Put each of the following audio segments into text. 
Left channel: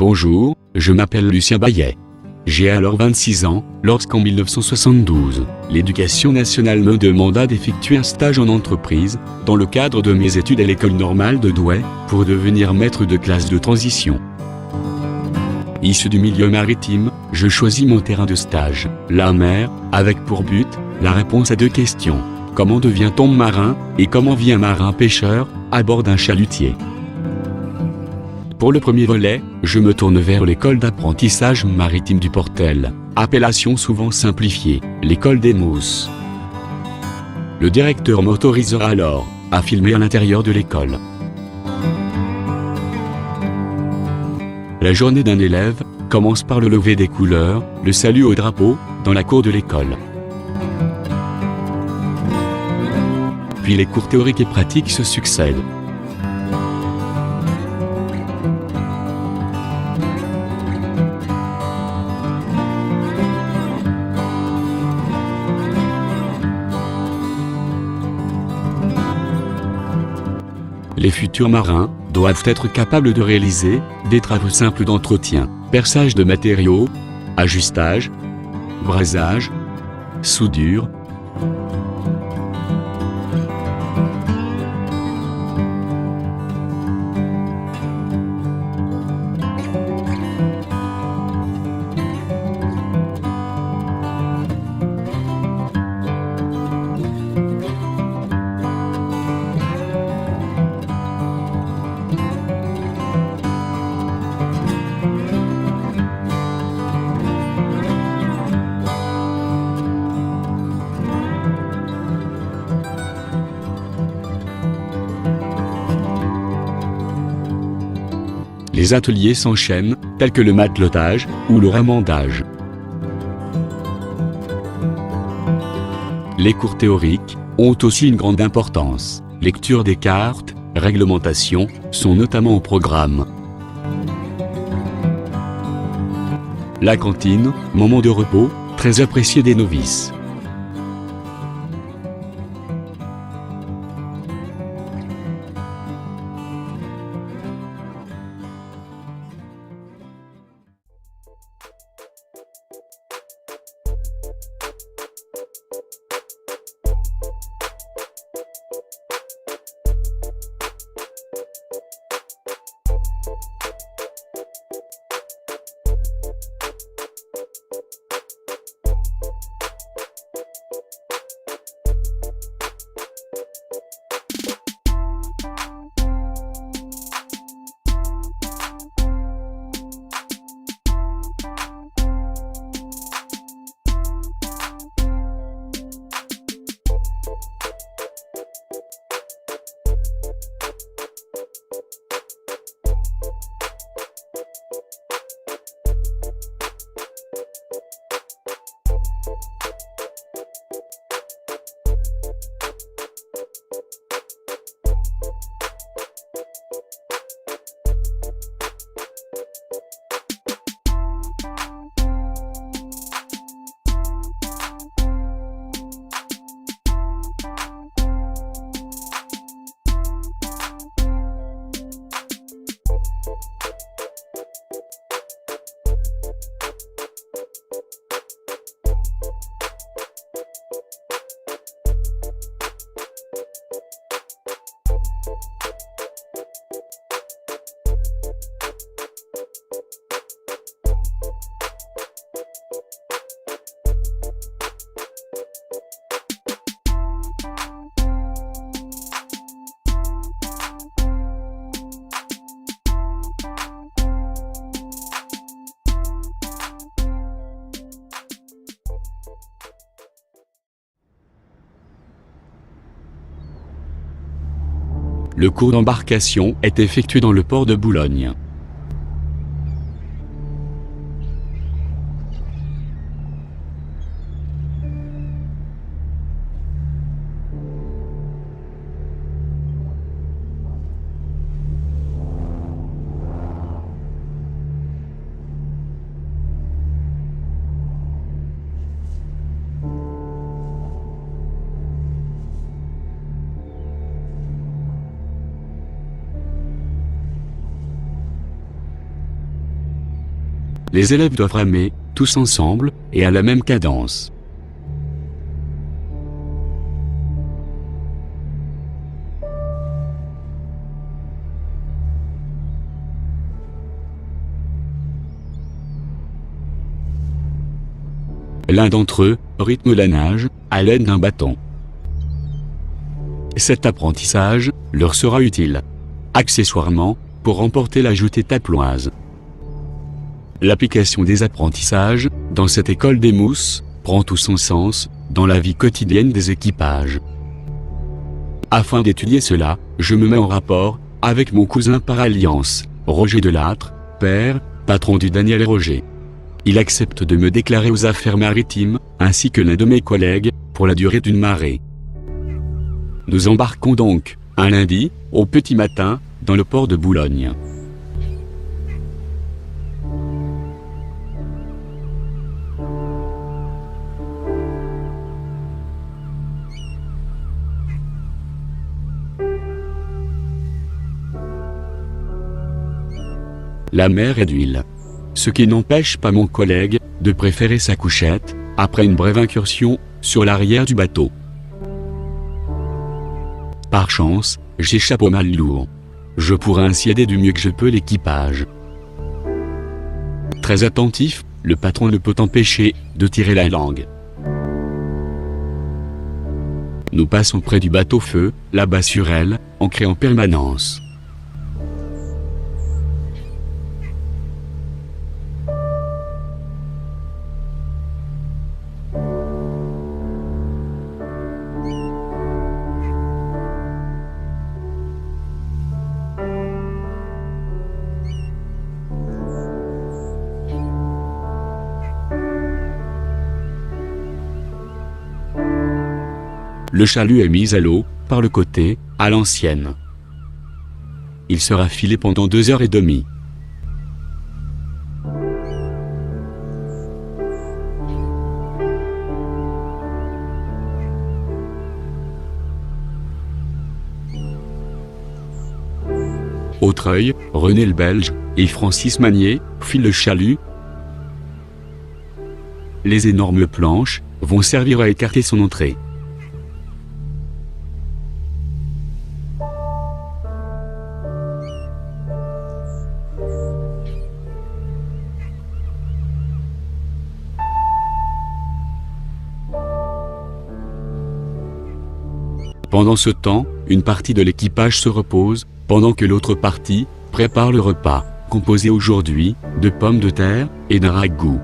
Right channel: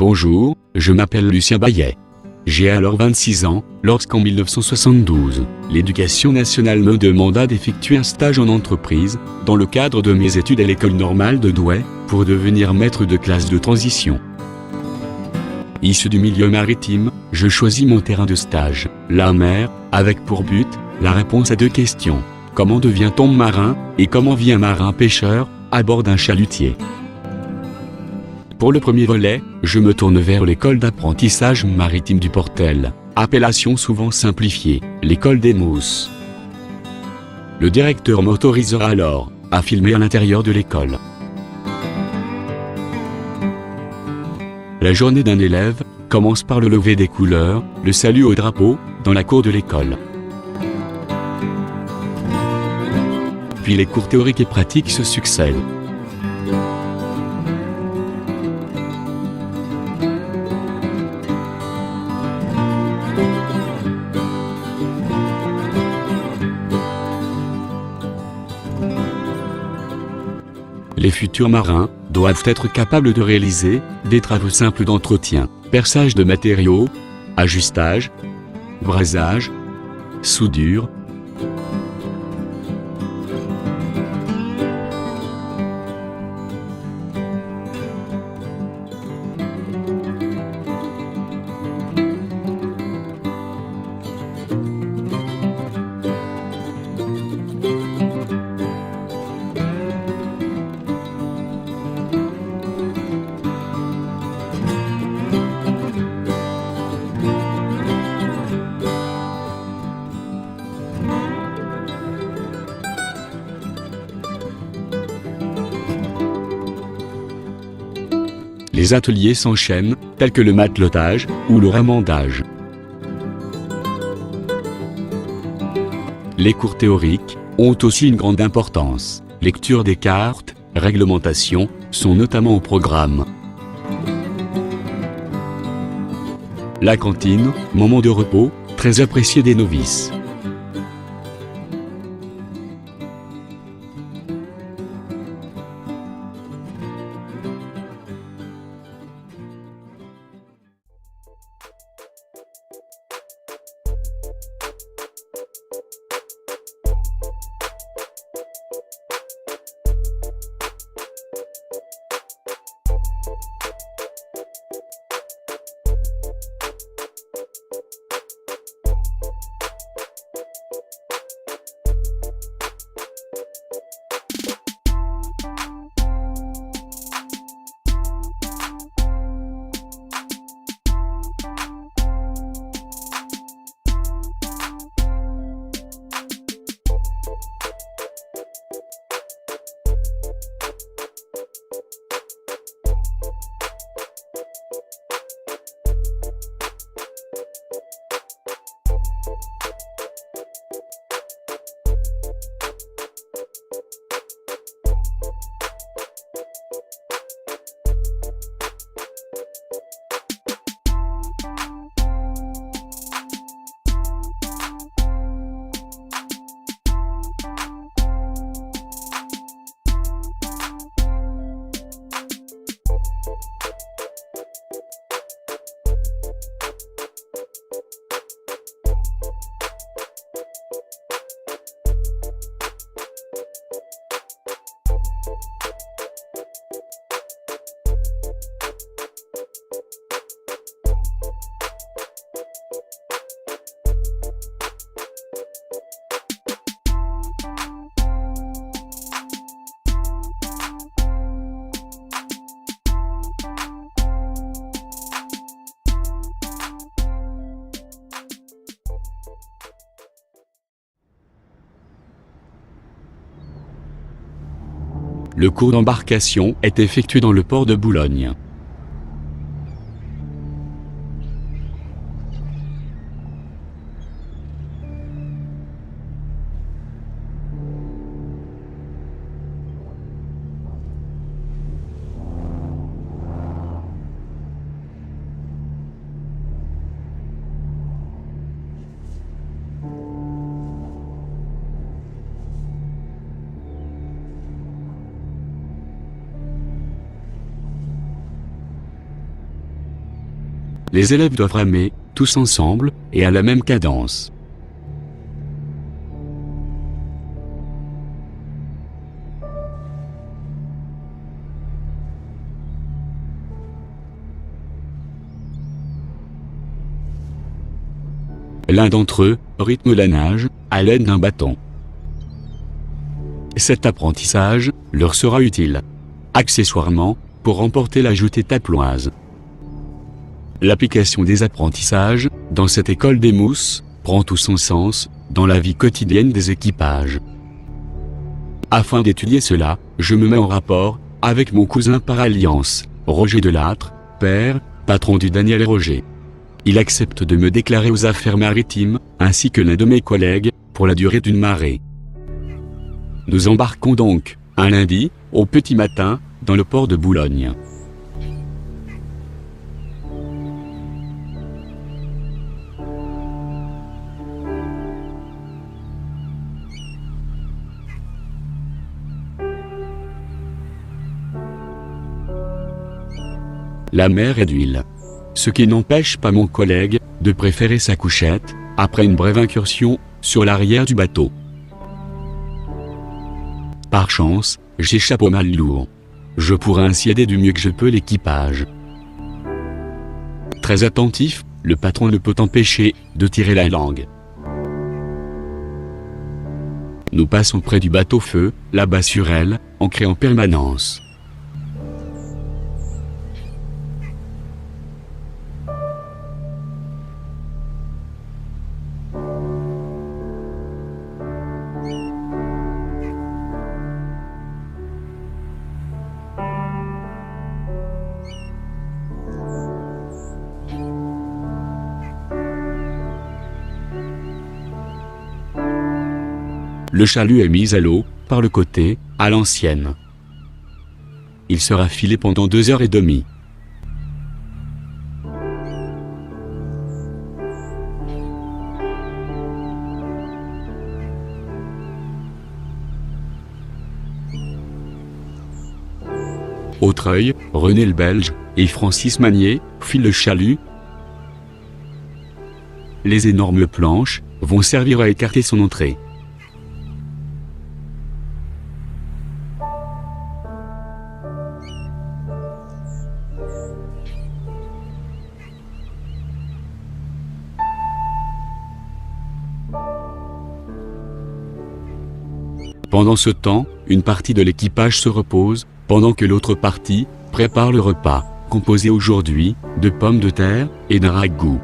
Bonjour, je m'appelle Lucien Baillet. J'ai alors 26 ans, lorsqu'en 1972, l'Éducation nationale me demanda d'effectuer un stage en entreprise, dans le cadre de mes études à l'École normale de Douai, pour devenir maître de classe de transition. Issu du milieu maritime, je choisis mon terrain de stage, la mer, avec pour but, la réponse à 2 questions. Comment devient-on marin, et comment vit un marin pêcheur, à bord d'un chalutier? Pour le premier volet, je me tourne vers l'école d'apprentissage maritime du Portel, appellation souvent simplifiée, l'école des Mousses. Le directeur m'autorisera alors à filmer à l'intérieur de l'école. La journée d'un élève commence par le lever des couleurs, le salut au drapeau, dans la cour de l'école. Puis les cours théoriques et pratiques se succèdent. Les futurs marins doivent être capables de réaliser des travaux simples d'entretien, perçage de matériaux, ajustage, brassage, soudure. Les ateliers s'enchaînent, tels que le matelotage ou le remendage. Les cours théoriques ont aussi une grande importance. Lecture des cartes, réglementation sont notamment au programme. La cantine, moment de repos, très apprécié des novices. Le cours d'embarcation est effectué dans le port de Boulogne. Les élèves doivent ramer, tous ensemble, et à la même cadence. L'un d'entre eux rythme la nage à l'aide d'un bâton. Cet apprentissage leur sera utile, accessoirement, pour remporter la jetée taploise. L'application des apprentissages, dans cette école des mousses, prend tout son sens dans la vie quotidienne des équipages. Afin d'étudier cela, je me mets en rapport avec mon cousin par alliance, Roger Delattre, père, patron du Daniel et Roger. Il accepte de me déclarer aux affaires maritimes, ainsi que l'un de mes collègues, pour la durée d'une marée. Nous embarquons donc, un lundi, au petit matin, dans le port de Boulogne. La mer est d'huile. Ce qui n'empêche pas mon collègue de préférer sa couchette, après une brève incursion, sur l'arrière du bateau. Par chance, j'échappe au mal lourd. Je pourrai ainsi aider du mieux que je peux l'équipage. Très attentif, le patron ne peut empêcher de tirer la langue. Nous passons près du bateau-feu, là-bas sur elle, ancré en permanence. Le chalut est mis à l'eau, par le côté, à l'ancienne. Il sera filé pendant 2h30. Autreuil, René le Belge et Francis Magnier filent le chalut. Les énormes planches vont servir à écarter son entrée. Pendant ce temps, une partie de l'équipage se repose, pendant que l'autre partie prépare le repas, composé aujourd'hui de pommes de terre et d'un ragoût.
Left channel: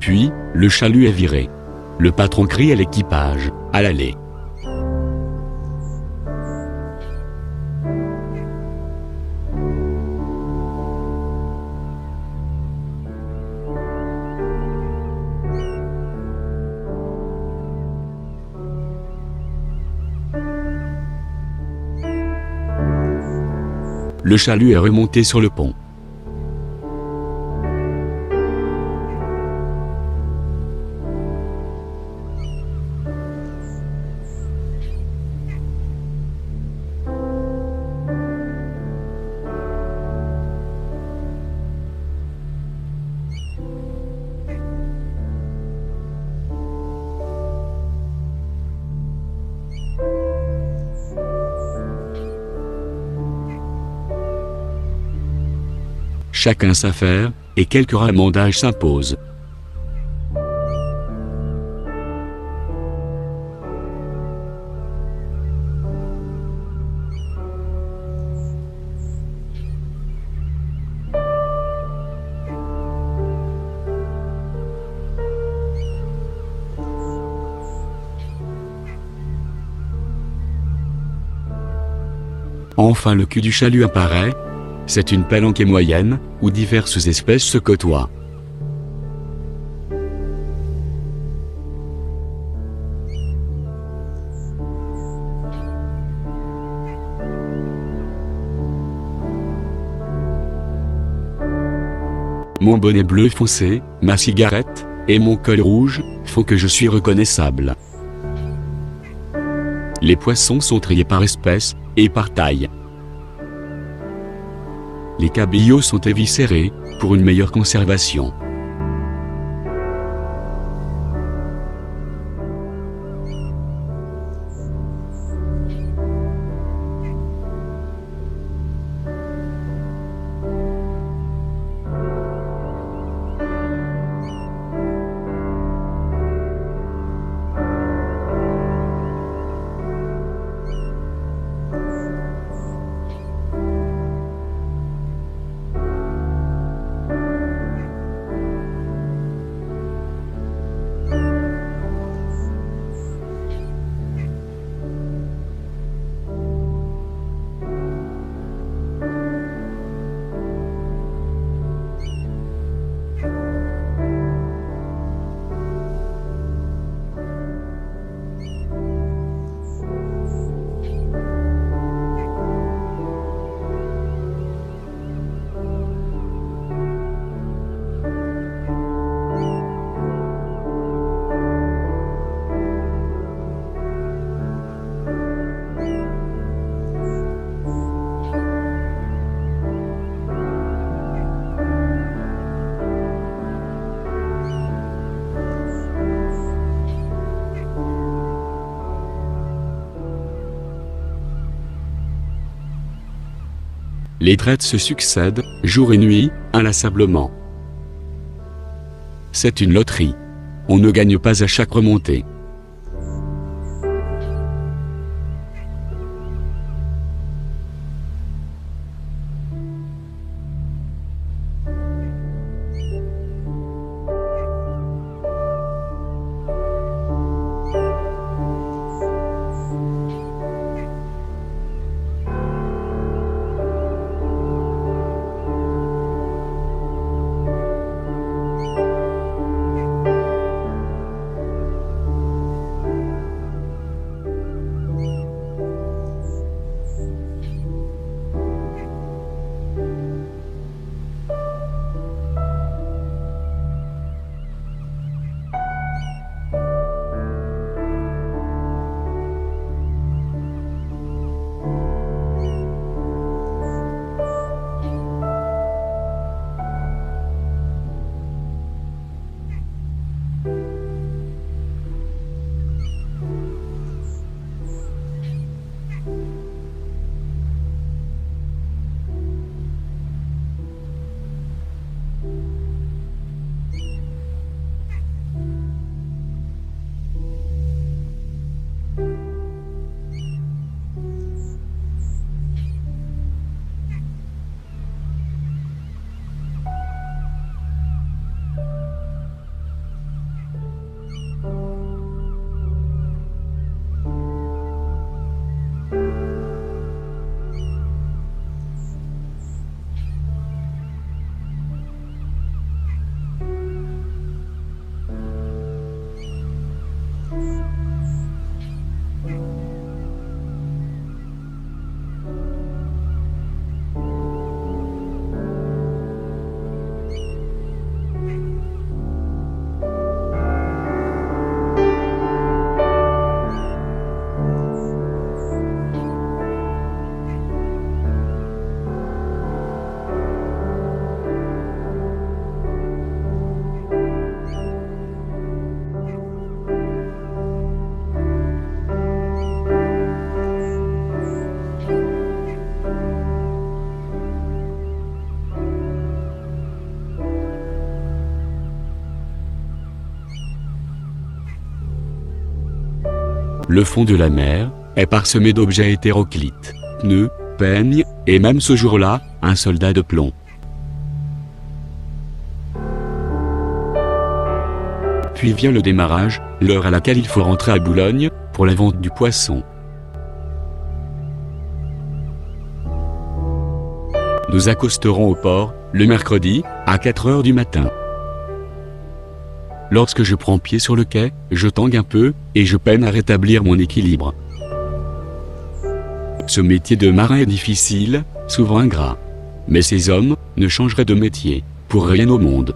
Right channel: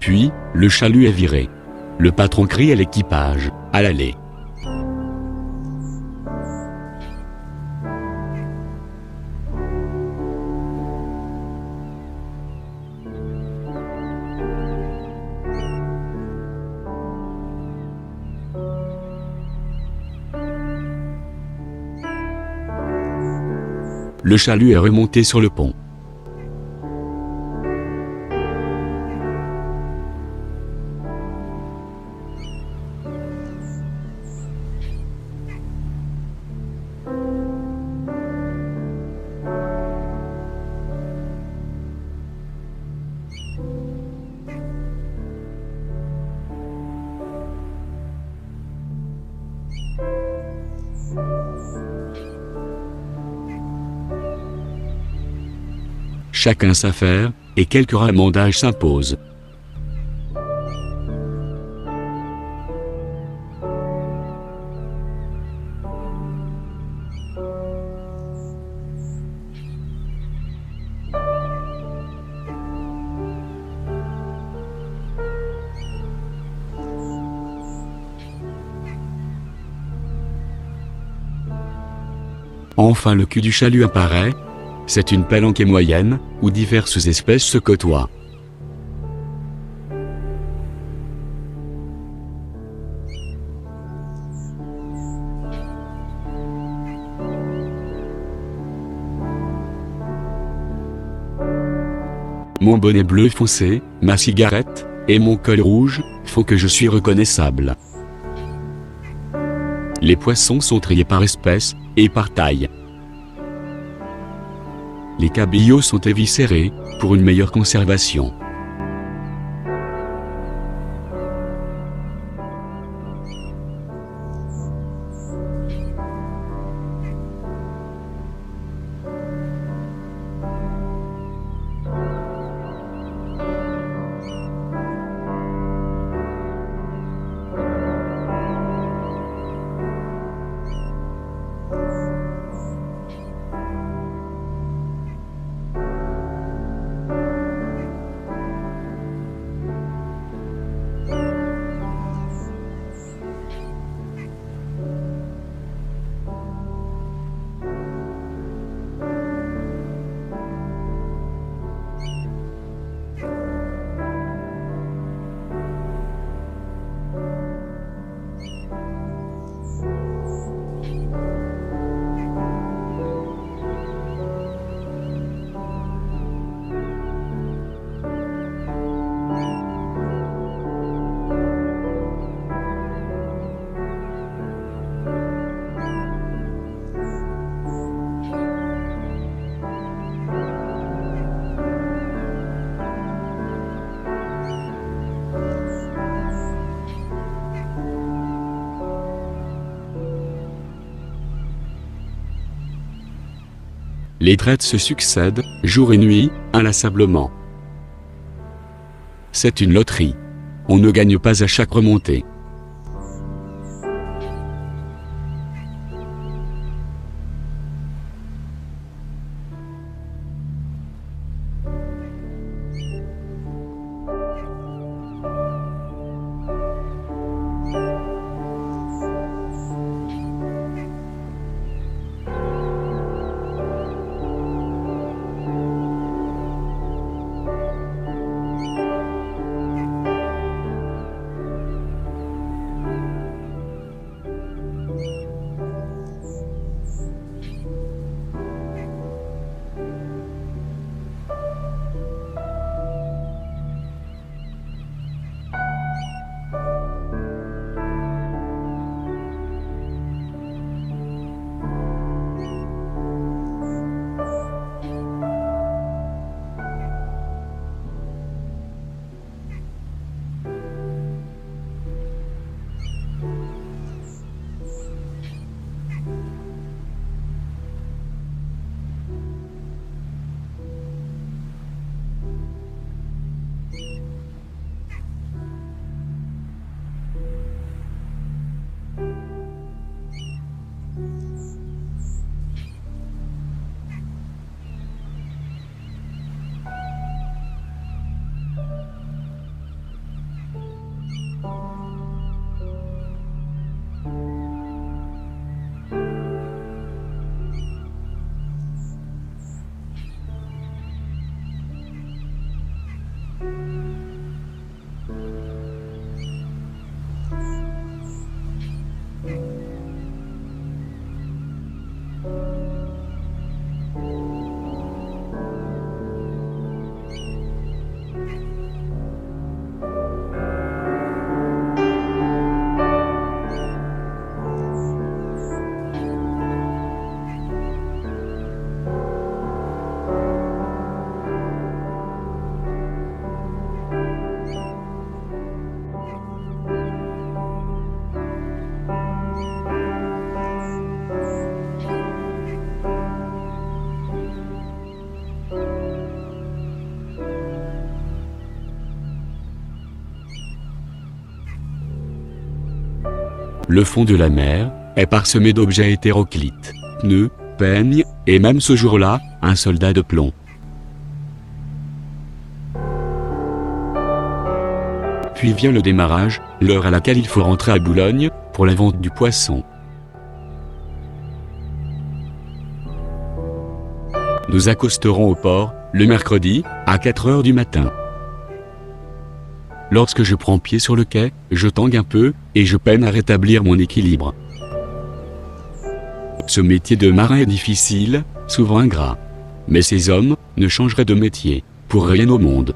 Puis, le chalut est viré. Le patron crie à l'équipage, à l'aller. Le chalut est remonté sur le pont. Chacun sa affaire, et quelques ramondages s'imposent. Enfin le cul du chalut apparaît. C'est une palanquée moyenne, où diverses espèces se côtoient. Mon bonnet bleu foncé, ma cigarette, et mon col rouge, font que je suis reconnaissable. Les poissons sont triés par espèces, et par taille. Les cabillaud sont éviscérés, pour une meilleure conservation. Les traites se succèdent, jour et nuit, inlassablement. C'est une loterie. On ne gagne pas à chaque remontée. Le fond de la mer est parsemé d'objets hétéroclites, pneus, peignes, et même ce jour-là, un soldat de plomb. Puis vient le démarrage, l'heure à laquelle il faut rentrer à Boulogne, pour la vente du poisson. Nous accosterons au port, le mercredi, à 4 heures du matin. Lorsque je prends pied sur le quai, je tangue un peu, et je peine à rétablir mon équilibre. Ce métier de marin est difficile, souvent ingrat. Mais ces hommes ne changeraient de métier pour rien au monde.